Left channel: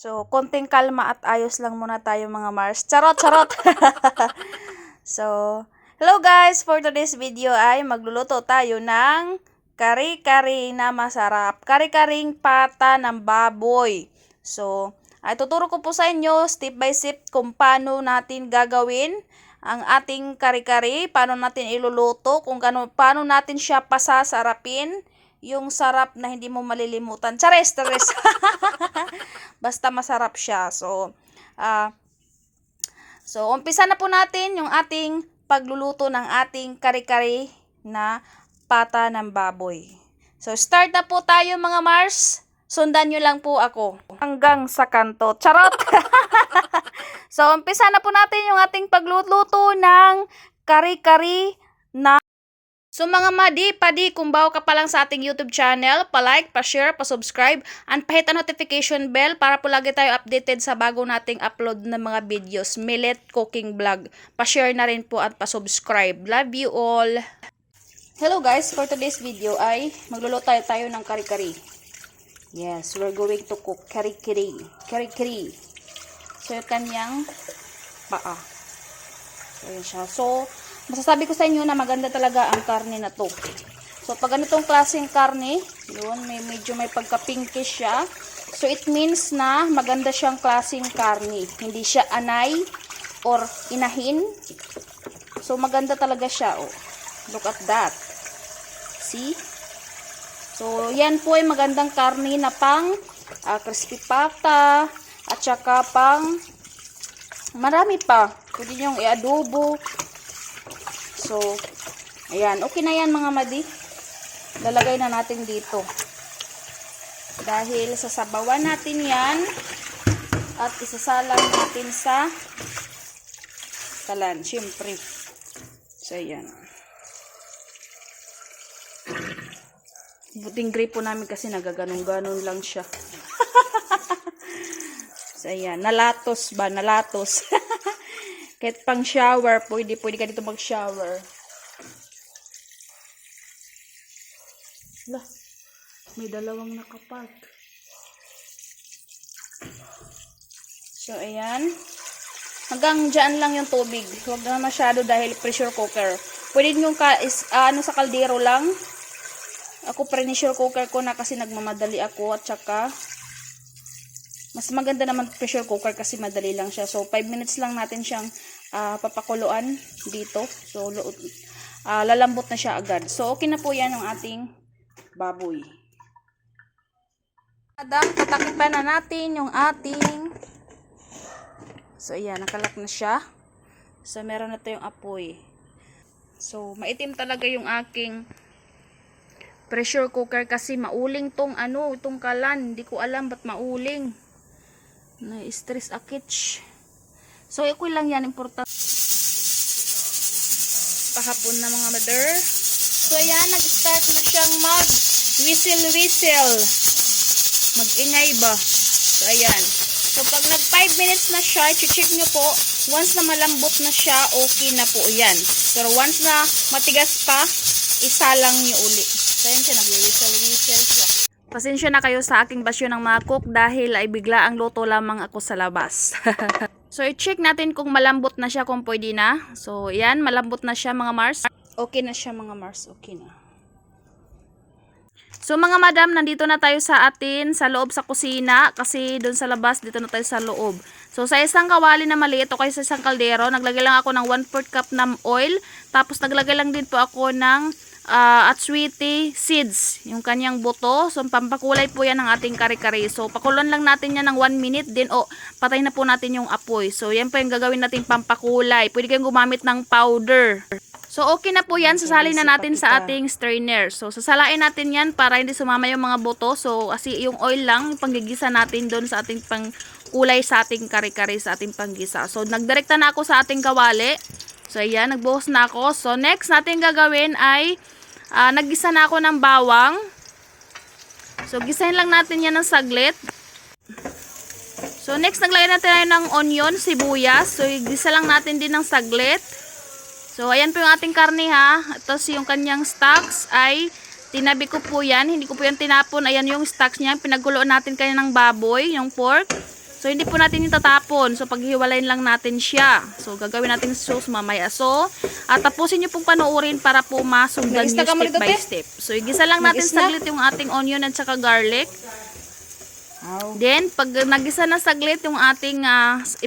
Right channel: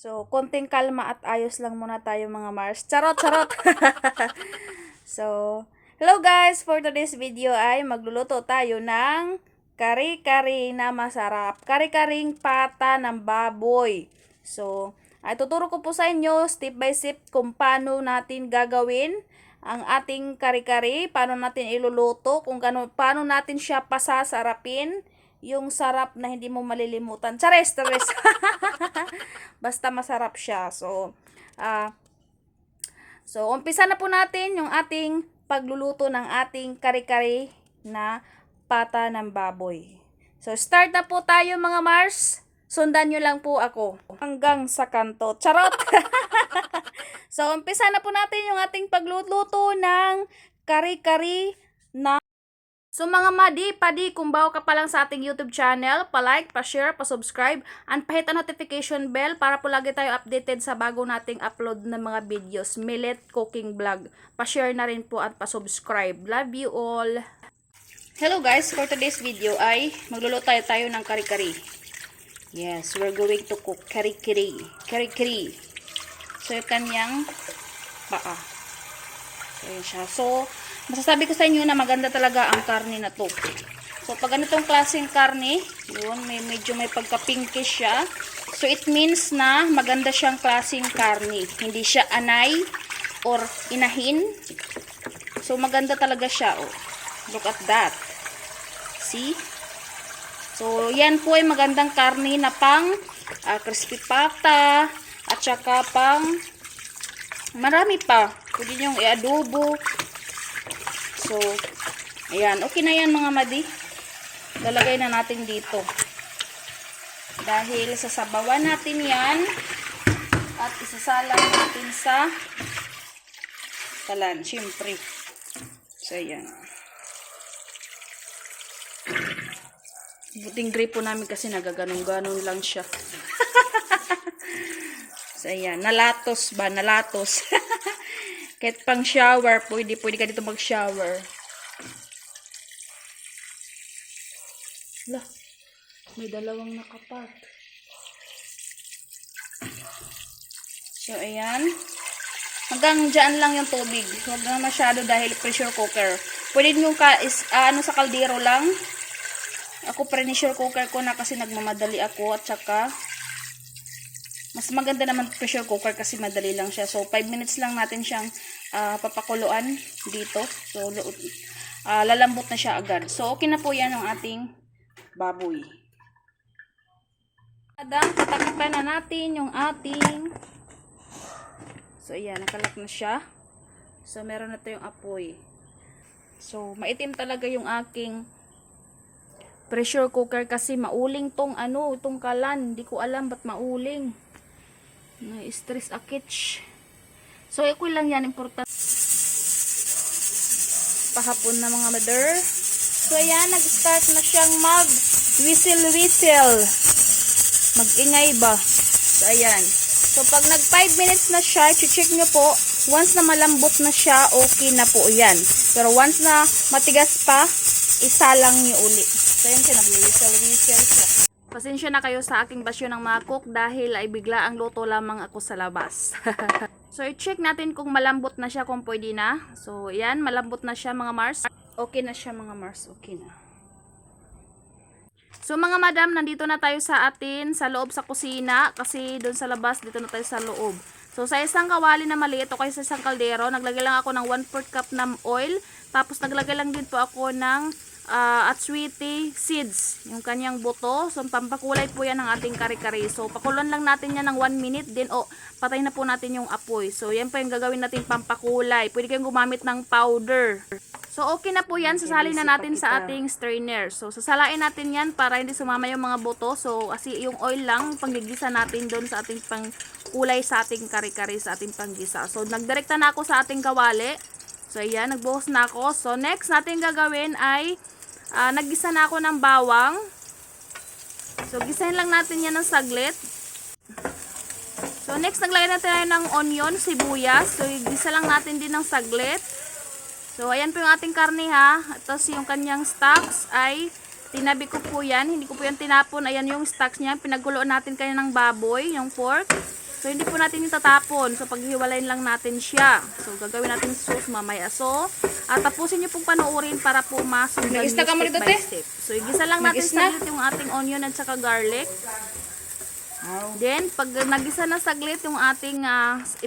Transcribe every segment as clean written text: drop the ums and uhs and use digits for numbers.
So, konting kalma at ayos lang muna tayo mga Mars. Charot, charot! So, hello guys! For today's video ay magluluto tayo ng kari-kari na masarap. Kari-karing pata ng baboy. So, ay tuturo ko po sa inyo step by step kung paano natin gagawin ang ating kari-kari, paano natin iluluto, kung paano natin siya pasasarapin, yung sarap na hindi mo malilimutan. Chares, chares. Basta masarap siya. So, umpisa na po natin yung ating pagluluto ng ating kari-kari na pata ng baboy. So, start na po tayo mga Mars. Sundan nyo lang po ako hanggang sa kanto. Charot! So, umpisa na po natin yung ating pagluluto ng kari-kari na. So mga madi, kung bago ka pa lang sa ating YouTube channel, pa-like, pa-share, pa-subscribe, and pa-hit ang notification bell para po lagi tayo updated sa bago nating upload ng mga videos. Millet Cooking Vlog. Pa-share na rin po at pa-subscribe. Love you all! Hello guys, for today's video ay magluluto tayo ng kari-kari. Yes, we're going to cook kari-kari. Kari-kari. So yung kanyang paa. So yun siya. So, masasabi ko sa inyo na maganda talaga ang karne na to. So, pag ganitong klaseng karne, yun, medyo may pagka-pinkish siya. So, it means na maganda siyang klaseng karne. Hindi siya anay or inahin. So, maganda talaga siya. Oh. Look at that. See? So, yan po ay magandang karne na pang crispy pata at saka pang marami pa. Pwede niyong i-adobo. So, ayan. Okay na yan mga madi. Lalagay na natin dito. Dahil sasabawan natin yan at isasalang natin sa kalan. Siyempre. So, ayan. Buting grape po namin kasi nagaganong-ganon lang siya. So, ayan. Nalatos ba? Nalatos. Kahit pang shower, pwede ka dito mag-shower. Lah, may dalawang nakapark. So, ayan. Hanggang dyan lang yung tubig. Huwag na masyado dahil pressure cooker. Pwede nyo sa kaldero lang. Ako pressure cooker ko na kasi nagmamadali ako at saka mas maganda naman pressure cooker kasi madali lang siya. So, 5 minutes lang natin siyang papakuluan dito. So, lalambot na siya agad. So, okay na po yan ang ating baboy. Patakipan na natin yung ating. So, ayan. Nakalak na siya. So, meron na tayong apoy. So, maitim talaga yung aking pressure cooker kasi mauling itong kalan. Hindi ko alam ba't mauling. Na-stress akich. So, equal lang yan. Important. Pahapon na mga mother. So, ayan. Nag-start na siyang mag-whistle-whistle. Mag-ingay ba? So, ayan. So, pag nag 5 minutes na siya, check nyo po. Once na malambot na siya, okay na po yan. Pero once na matigas pa, isalang nyo uli. So, ayan siya. Nag-whistle-whistle siya. Pasensya na kayo sa aking basyo ng mga cook dahil ay bigla ang luto lamang ako sa labas. So, i-check natin kung malambot na siya, kung pwede na. So, yan, malambot na siya mga Mars. Okay na siya mga Mars, okay na. So, mga madam, nandito na tayo sa loob sa kusina. Kasi doon sa labas, dito na tayo sa loob. So, sa isang kawali na maliit o kaya sa isang kaldero, naglagay lang ako ng 1/4 cup ng oil. Tapos, naglagay lang din po ako ng atswiti seeds, yung kanyang buto. So, pampakulay po yan ng ating kari-kari. So, pakulan lang natin yan ng 1 minute. Then, patay na po natin yung apoy. So, yan po yung gagawin natin pampakulay. Pwede kayong gumamit ng powder. So, okay na po yan. Sasalin na natin sa ating strainer. So, sasalain natin yan para hindi sumama yung mga buto. So, kasi yung oil lang, panggigisa natin doon sa ating pangkulay sa ating kari-kari, sa ating panggisa. So, nagdirekta na ako sa ating kawali. So, ayan, nagbuhos na ako. So, next natin gagawin ay naggisa na ako ng bawang. So, gisahin lang natin yan ng saglit. So, next, naglagay natin ng onion, sibuyas. So, gisa lang natin din ng saglit. So, ayan po yung ating karne ha. Tapos, yung kanyang stocks ay tinabi ko po yan. Hindi ko po yan tinapon. Ayan yung stocks niya. Pinaguloan natin kanya ng baboy, yung pork. So, hindi po natin itatapon. So, paghiwalayin lang natin siya. So, gagawin natin sauce mamaya. So, tapusin nyo pong panoorin para po masundan nyo step by step. So, igisa lang natin saglit yung ating onion at saka garlic. Then, pag nagisa na saglit yung ating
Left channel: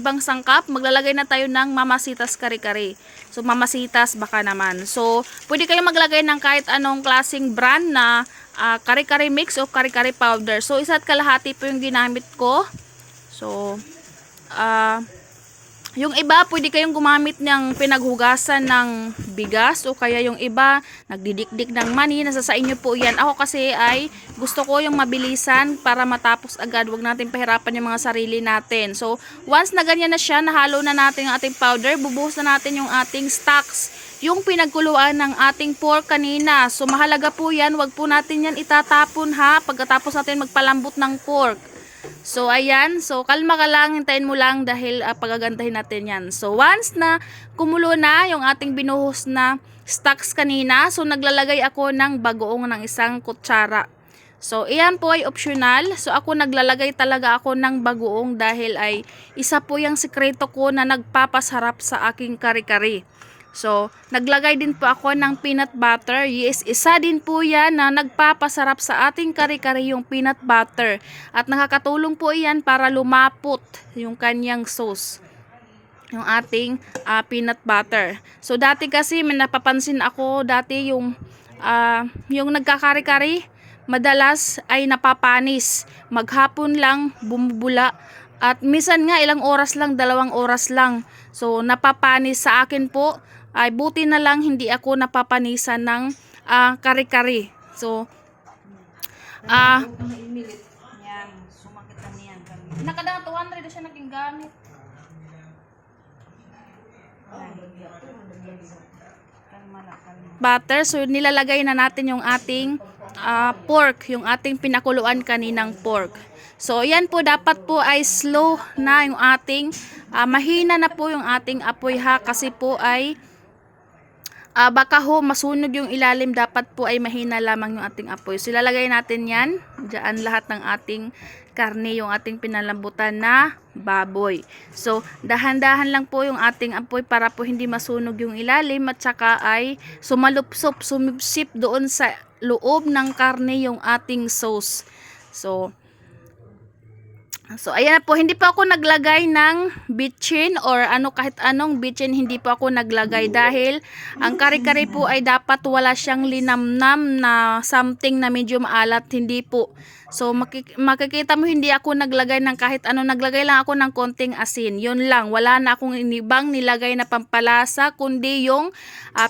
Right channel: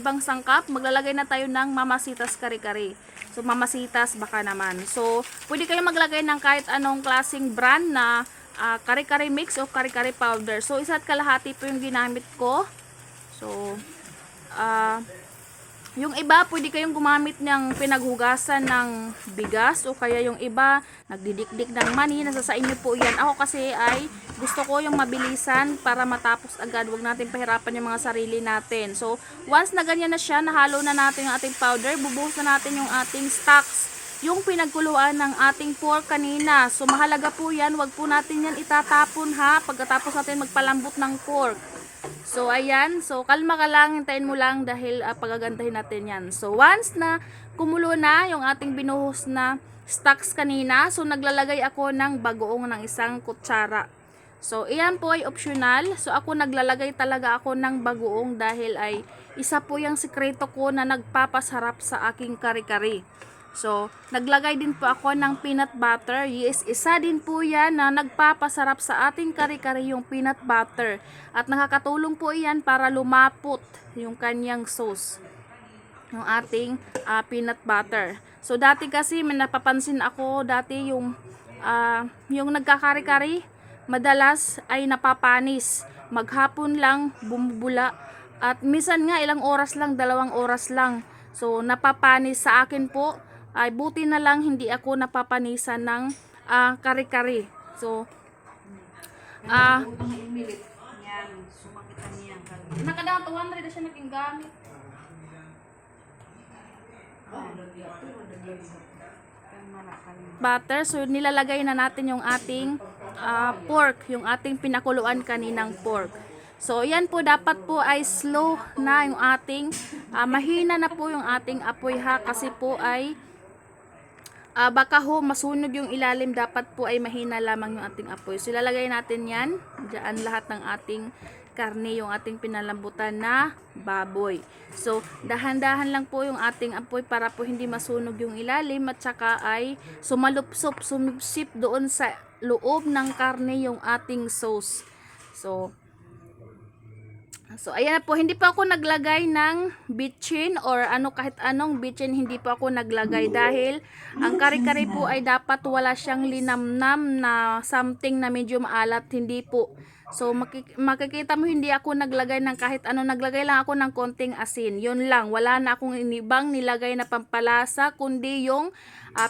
ibang sangkap, maglalagay na tayo ng mamasitas kare-kare. So, mamasitas baka naman. So, pwede kayong maglagay ng kahit anong klaseng brand na kare-kare mix o kare-kare powder. So, isa't kalahati po yung ginamit ko. So, yung iba, pwede kayong gumamit ng pinaghugasan ng bigas o kaya yung iba, nagdidikdik ng mani. Nasa sa inyo po yan. Ako kasi ay gusto ko yung mabilisan para matapos agad. Huwag natin pahirapan yung mga sarili natin. So, once na ganyan na siya, nahalo na natin yung ating powder, bubuhos na natin yung ating stocks. Yung pinagkuluan ng ating pork kanina. So, mahalaga po yan. Huwag po natin yan itatapon ha, pagkatapos natin magpalambot ng pork. So, ayan. So, kalma ka lang. Hintayin mo lang dahil pagagandahin natin yan. So, once na kumulo na yung ating binuhos na stocks kanina, so, naglalagay ako ng bagoong ng isang kutsara. So, iyan po ay optional. So, ako naglalagay talaga ako ng bagoong dahil ay isa po yung sikreto ko na nagpapasarap sa aking kare-kare. So, naglagay din po ako ng peanut butter. Yes, isa din po yan na nagpapasarap sa ating kare-kare yung peanut butter. At nakakatulong po yan para lumapot yung kanyang sauce. Yung ating peanut butter. So, dati kasi may napapansin ako, dati yung nagkakare-kare, madalas ay napapanis. Maghapon lang, bumubula. At minsan nga, ilang oras lang, 2 oras lang. So, napapanis sa akin po. Ay buti na lang hindi ako napapanisan ng kare-kare. So, nakada 200 na siya naging gamit. Butter, so nilalagay na natin yung ating pork, yung ating pinakuluan kaninang pork. So, yan po, dapat po ay slow na yung ating, mahina na po yung ating apoy ha, kasi po ay baka ho masunog yung ilalim, dapat po ay mahina lamang yung ating apoy. So, ilalagay natin yan, dyan lahat ng ating karne, yung ating pinalambutan na baboy. So, dahan-dahan lang po yung ating apoy para po hindi masunog yung ilalim at saka ay sumipsip doon sa loob ng karne yung ating sauce. So, ayan po, hindi po ako naglagay ng bitchin or kahit anong bitchin, hindi po ako naglagay dahil ang kare-kare po ay dapat wala siyang linamnam na something na medyo maalat, hindi po. So, makikita mo hindi ako naglagay ng kahit ano, naglagay lang ako ng konting asin. Yun lang, wala na akong inibang nilagay na pampalasa, kundi yung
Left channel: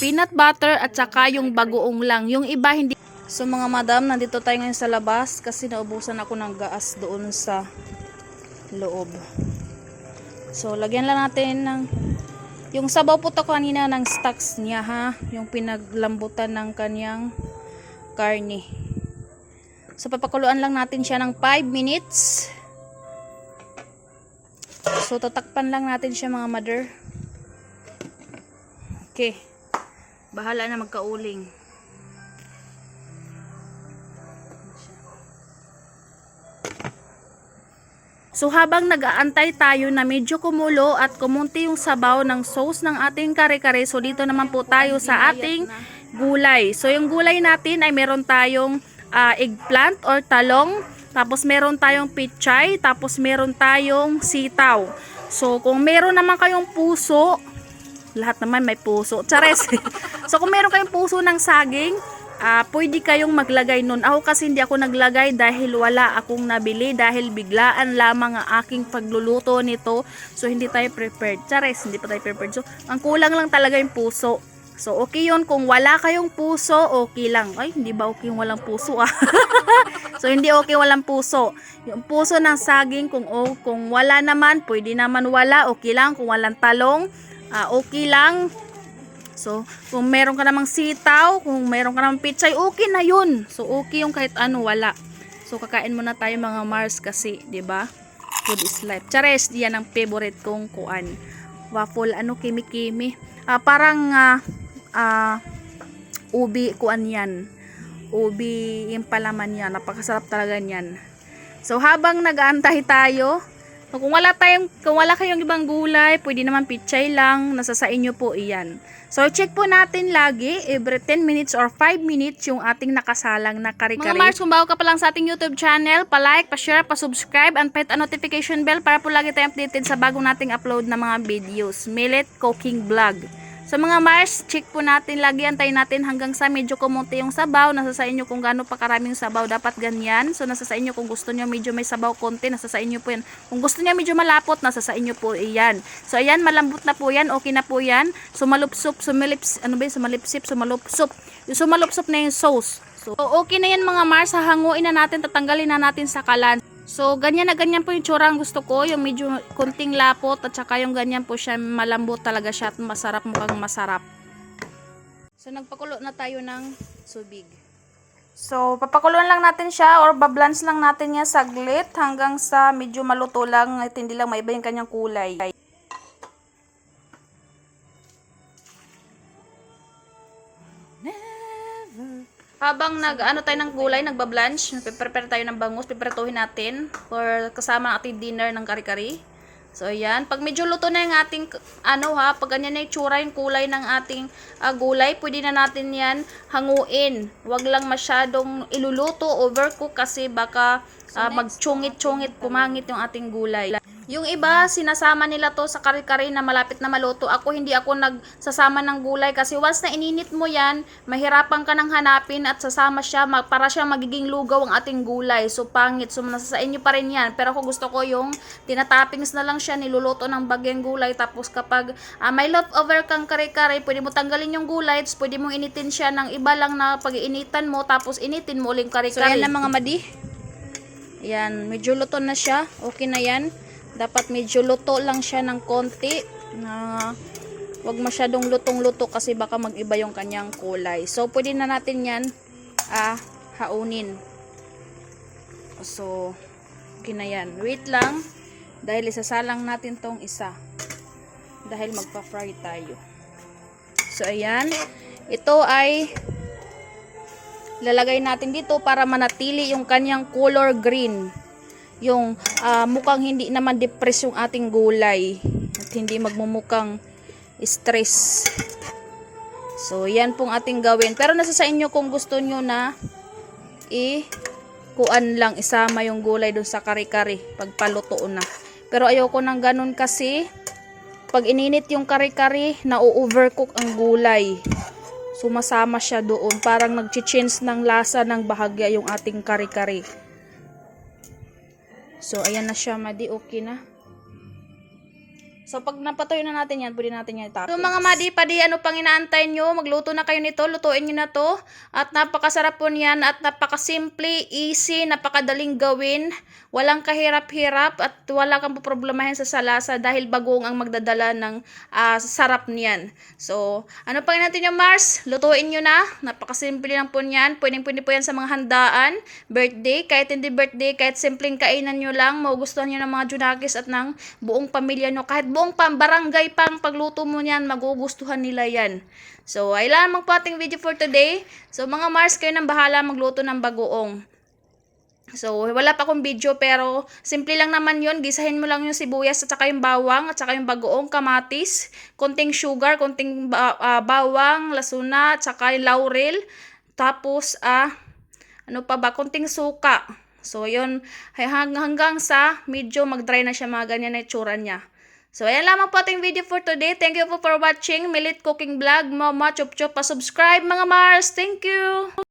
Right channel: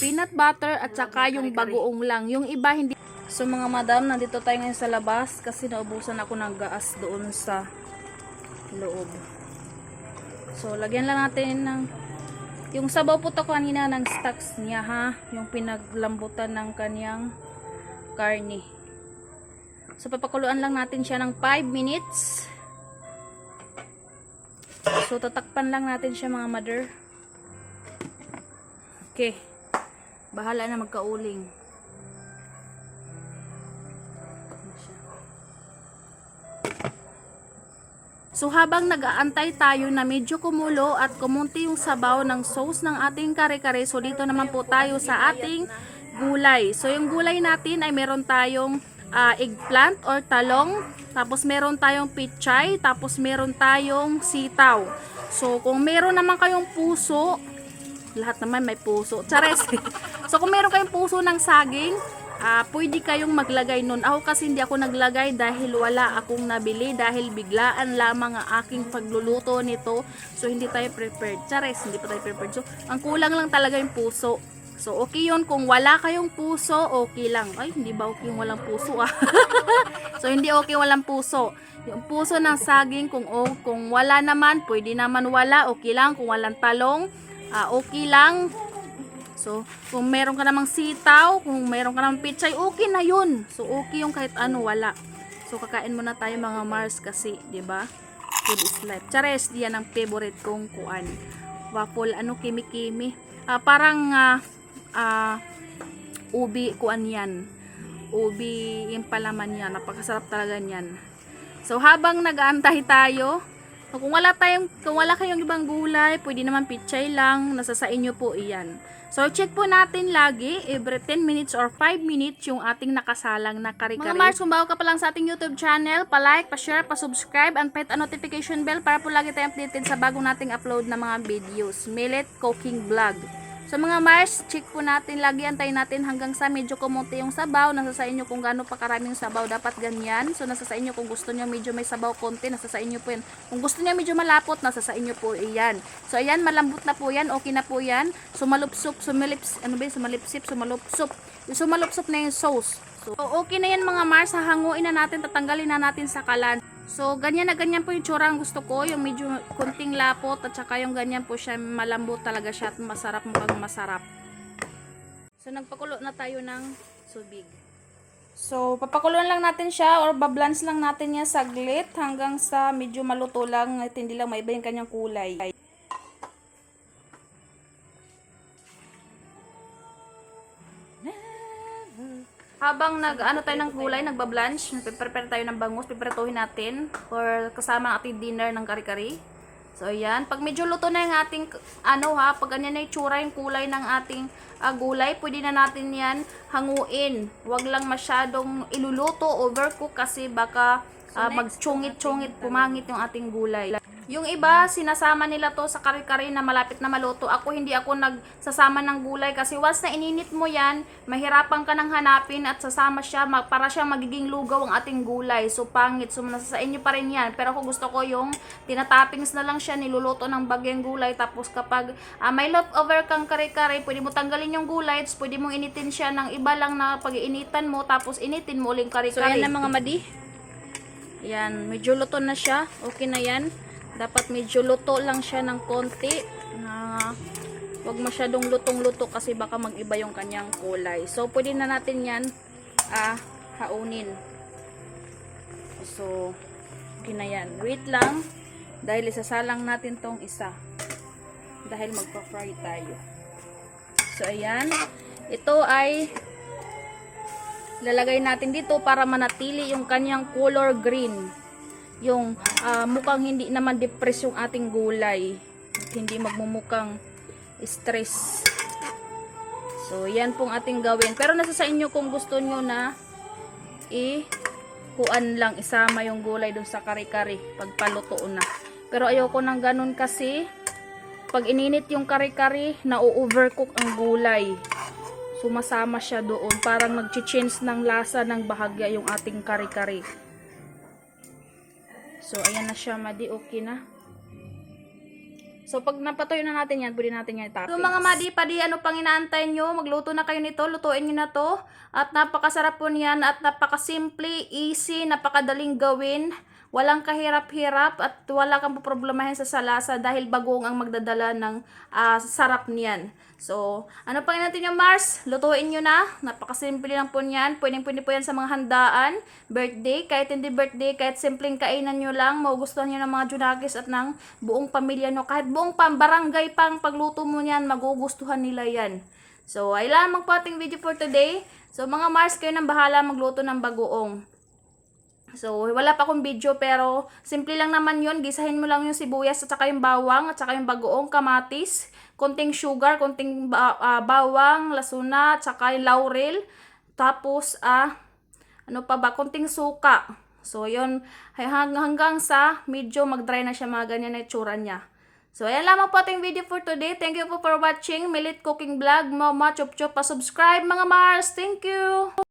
peanut butter at saka yung bagoong lang. Yung iba hindi. So, mga madam, nandito tayo ngayon sa labas kasi naubusan ako ng gas doon sa loob. So, lagyan lang natin ng yung sabaw po to kanina ng stocks niya ha, yung pinaglambutan ng kanyang karne. So, papakuluan lang natin siya ng 5 minutes. So, tatakpan lang natin siya mga mother. Okay. Bahala na magkauling. So, habang nag-aantay tayo na medyo kumulo at kumunti yung sabaw ng sauce ng ating kare-kare, so dito naman po tayo sa ating gulay. So, yung gulay natin ay meron tayong eggplant or talong, tapos meron tayong pichay, tapos meron tayong sitaw. So, kung meron naman kayong puso, lahat naman may puso. Chares! So, kung meron kayong puso ng saging, pwede kayong maglagay nun. Ako kasi hindi ako naglagay dahil wala akong nabili, dahil biglaan lamang ang aking pagluluto nito. So, hindi tayo prepared. Chares, hindi pa tayo prepared. So, ang kulang lang talaga yung puso. So, okay yun. Kung wala kayong puso, okay lang. Ay, hindi ba okay yung walang puso So, hindi okay walang puso. Yung puso ng saging, kung wala naman, pwede naman wala. Okay lang. Kung walang talong, okay lang. So, kung meron ka namang sitaw, kung meron ka namang pichay, okay na yun. So, okay yung kahit ano, wala. So, kakain muna tayo mga Mars kasi, 'di ba? Food is life. Chares, diyan ang favorite kong kuan. Waffle, kimi-kimi. Parang ubi kuan yan. Ubi yung palaman yan. Napakasarap talaga yan. So, habang nag-aantay tayo, Kung wala kayong ibang gulay, pwede naman pichay lang, nasa sa inyo po iyan. So, check po natin lagi, every 10 minutes or 5 minutes yung ating nakasalang na kare-kare. Mga Mars, kung bago ka pa lang sa ating YouTube channel, pa-like, pa-share, pa-subscribe, and hit ang notification bell para po lagi tayong updated sa bagong nating upload na mga videos. Millet Cooking Vlog. So mga Mars, check po natin lagi, antayin natin hanggang sa medyo kumunti yung sabaw. Nasa sa inyo kung gaano pa karaming sabaw, dapat ganyan. So nasa sa inyo kung gusto niyo medyo may sabaw konti, nasa sa inyo po yan. Kung gusto niya medyo malapot, nasa sa inyo po iyan. So ayan, malambot na po yan, okay na po yan. Sumalupsop, sumalipsip, sumalupsop. Yung sumalupsop na yung sauce. So okay na yan mga Mars, hahanguin na natin, tatanggalin na natin sa kalan. So, ganyan na ganyan po yung tsura ang gusto ko. Yung medyo kunting lapot at saka yung ganyan po siya, malambot talaga siya at masarap, mukhang masarap. So, nagpakulo na tayo ng subig. So, papakuloan lang natin siya or bablance lang natin niya saglit hanggang sa medyo maluto lang at hindi lang maiba yung kanyang kulay. Habang nag-ano tayo ng gulay, nagbablanch, prepare tayo ng bangus, piprituhin natin for kasama ang ating dinner ng kari-kari. So ayan, pag medyo luto na yung ating pag ganyan na yung tsura yung kulay ng ating gulay, pwede na natin yan hanguin. Huwag lang masyadong iluluto, overcook kasi baka magtsungit-tsungit, pumangit yung ating gulay. Yung iba, sinasama nila to sa kare-kare na malapit na maluto. Hindi ako nagsasama ng gulay kasi once na ininit mo yan, mahirapan ka nang hanapin at sasama siya, para siya magiging lugaw ang ating gulay. So, pangit. So, nasa sa inyo pa rin yan. Pero ako gusto ko yung tinatoppings na lang siya, niluluto ng bagyang gulay. Tapos kapag may leftover kang kare-kare, pwede mo tanggalin yung gulay, tapos pwede mong initin siya ng iba lang na pag-iinitan mo, tapos initin mo uling kare-kare. So, yan na mga madi. Yan, medyo luto na siya. Okay na yan. Dapat medyo luto lang siya ng konti, na wag masyadong lutong-luto kasi baka mag-iba yung kanyang kulay. So, pwede na natin yan haunin. So, okay na yan. Wait lang, dahil isasalang natin tong isa. Dahil magpa-fry tayo. So, ayan. Ito ay lalagay natin dito para manatili yung kanyang color green. Yung mukhang hindi naman depress yung ating gulay at hindi magmumukhang stress. So yan pong ating gawin, pero nasa sa inyo kung gusto nyo na kuan lang isama yung gulay dun sa kare-kare pagpaluto na, pero ayoko nang ganun kasi pag ininit yung kare-kare na-overcook ang gulay, sumasama siya doon, parang nag-change ng lasa ng bahagya yung ating kare-kare. So, ayan na siya, madi, okay na. So, pag napatuyo na natin yan, pwede natin yan itapos. So, mga madi, padi, ano pang inaantay nyo? Magluto na kayo nito, lutuin nyo na to. At napakasarap po niyan, at napakasimple, easy, napakadaling gawin. Walang kahirap-hirap, at wala kang poproblemahin sa lasa dahil bagoong ang magdadala ng sarap niyan. So, ano pang inaantay nyo, Mars? Lutuin nyo na. Napakasimple lang po niyan. Pwede po yan sa mga handaan, birthday, kahit hindi birthday, kahit simpleng kainan nyo lang, magugustuhan nyo ng mga junakis at ng buong pamilya nyo. Kahit buong barangay pang pagluto mo niyan, magugustuhan nila yan. So, ay lamang po ating video for today. So, mga Mars, kayo nang bahala magluto ng bagoong. So, wala pa akong video pero simple lang naman yun. Gisahin mo lang yung sibuyas at saka yung bawang at saka yung bagoong, kamatis, konting sugar, konting bawang, lasuna, at saka yung laurel. Tapos, konting suka. So, yun, hanggang sa medyo mag-dry na siya, mga ganyan na itsura niya. So, ayan lamang po ating video for today. Thank you po for watching Millet Cooking Vlog. Mama, chup-chup, pa-subscribe mga Mars. Thank you!